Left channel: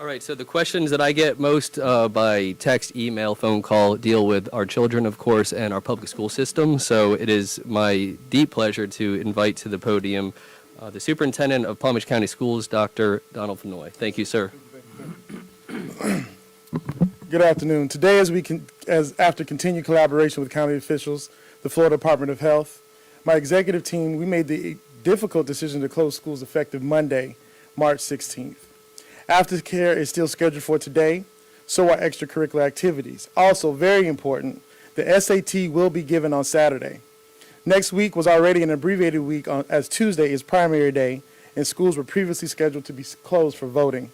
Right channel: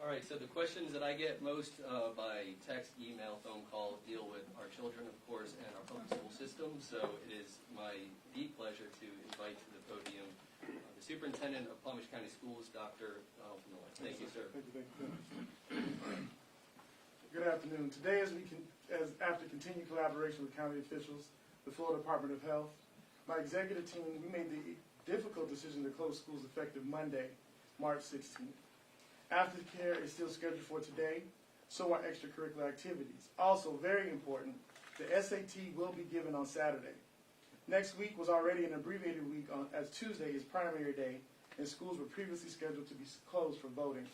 All right, so the questions that I get most by text, email, phone call deal with our children, of course, and our public school system. So it is my deep pleasure to invite to the podium the Superintendent of Palm Beach County Schools, Dr. Donald Fenoy. Thank you, sir. Good afternoon. Today, after continued collaboration with county officials, the Florida Department of Health, my executive team, we made the difficult decision to close schools effective Monday, March 16th. Aftercare is still scheduled for today, so are extracurricular activities. Also, very important, the SAT will be given on Saturday. Next week was already an abbreviated week as Tuesday is primary day, and schools were previously scheduled to be closed for voting.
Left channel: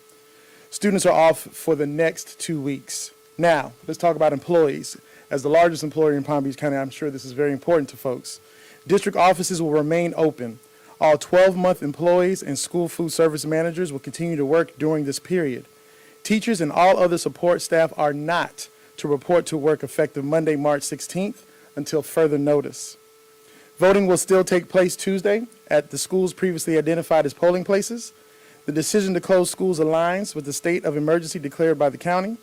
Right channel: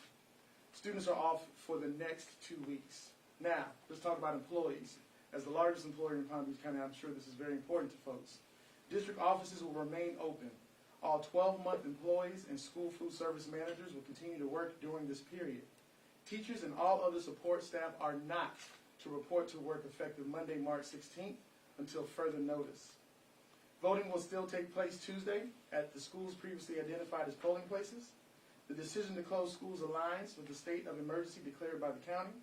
Students are off for the next 2 weeks. Now, let's talk about employees. As the largest employer in Palm Beach County, I'm sure this is very important to folks. District offices will remain open. All 12-month employees and school food service managers will continue to work during this period. Teachers and all other support staff are not to report to work effective Monday, March 16th until further notice. Voting will still take place Tuesday at the schools previously identified as polling places. The decision to close schools aligns with the state of emergency declared by the county.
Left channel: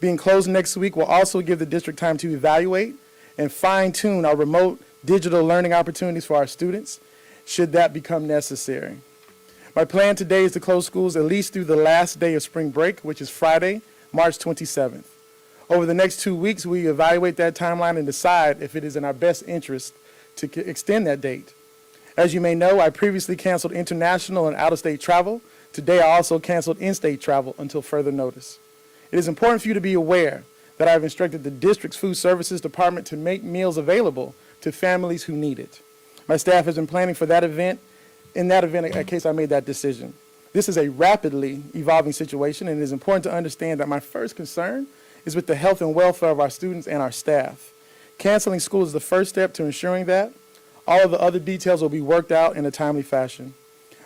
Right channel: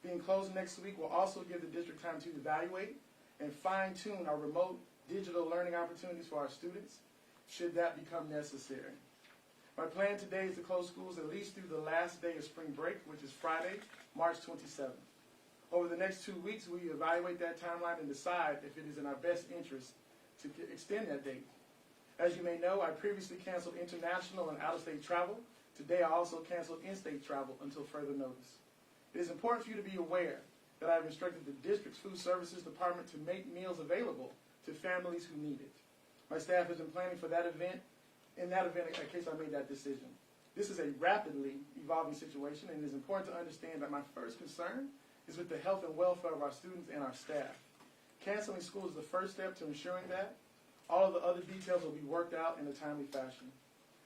Being closed next week will also give the district time to evaluate and fine-tune our remote digital learning opportunities for our students, should that become necessary. My plan today is to close schools at least through the last day of spring break, which is Friday, March 27th. Over the next 2 weeks, we evaluate that timeline and decide if it is in our best interest to extend that date. As you may know, I previously canceled international and out-of-state travel. Today, I also canceled in-state travel until further notice. It is important for you to be aware that I have instructed the district's food services department to make meals available to families who need it. My staff has been planning for that event, in case I made that decision. This is a rapidly evolving situation, and it is important to understand that my first concern is with the health and welfare of our students and our staff. Canceling school is the first step to ensuring that. All of the other details will be worked out in a timely fashion.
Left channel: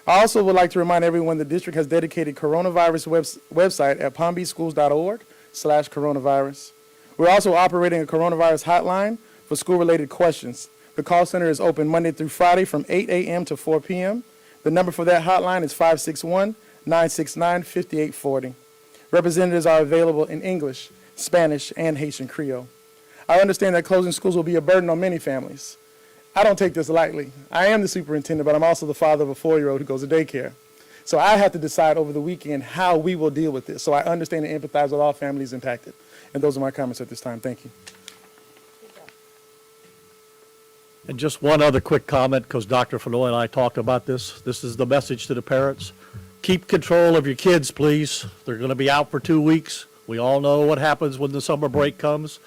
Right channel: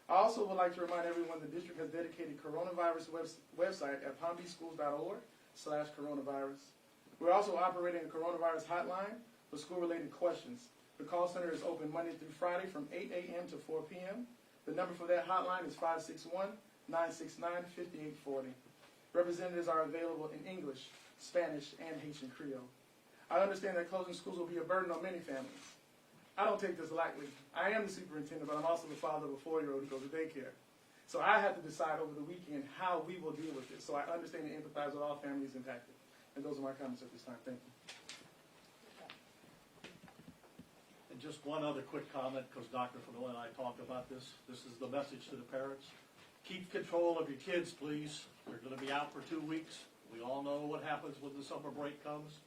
I also would like to remind everyone the district has dedicated coronavirus website at palmbeachschools.org/coronavirus. We're also operating a coronavirus hotline for school-related questions. The call center is open Monday through Friday from 8 a.m. to 4 p.m. The number for that hotline is 561-969-5840. Representatives are available in English, Spanish, and Haitian Creole. I understand that closing schools will be a burden on many families. I don't take this lightly. I am the superintendent, but I'm also the father of a 4-year-old who goes to daycare. So I have to decide over the weekend how we will deal with this. So I understand and empathize with all families impacted. And those are my comments at this time. Thank you. And just one other quick comment, because Dr. Fenoy and I talked about this. This is the message to the parents. Keep control of your kids, please. They're going to be out for 2 weeks. We all know what happens when the summer break comes.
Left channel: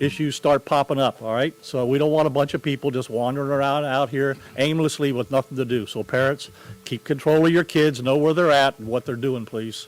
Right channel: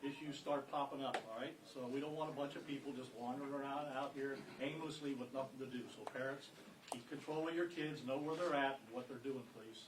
Issues start popping up, all right? So we don't want a bunch of people just wandering around out here aimlessly with nothing to do. So parents, keep control of your kids, know where they're at and what they're doing, please.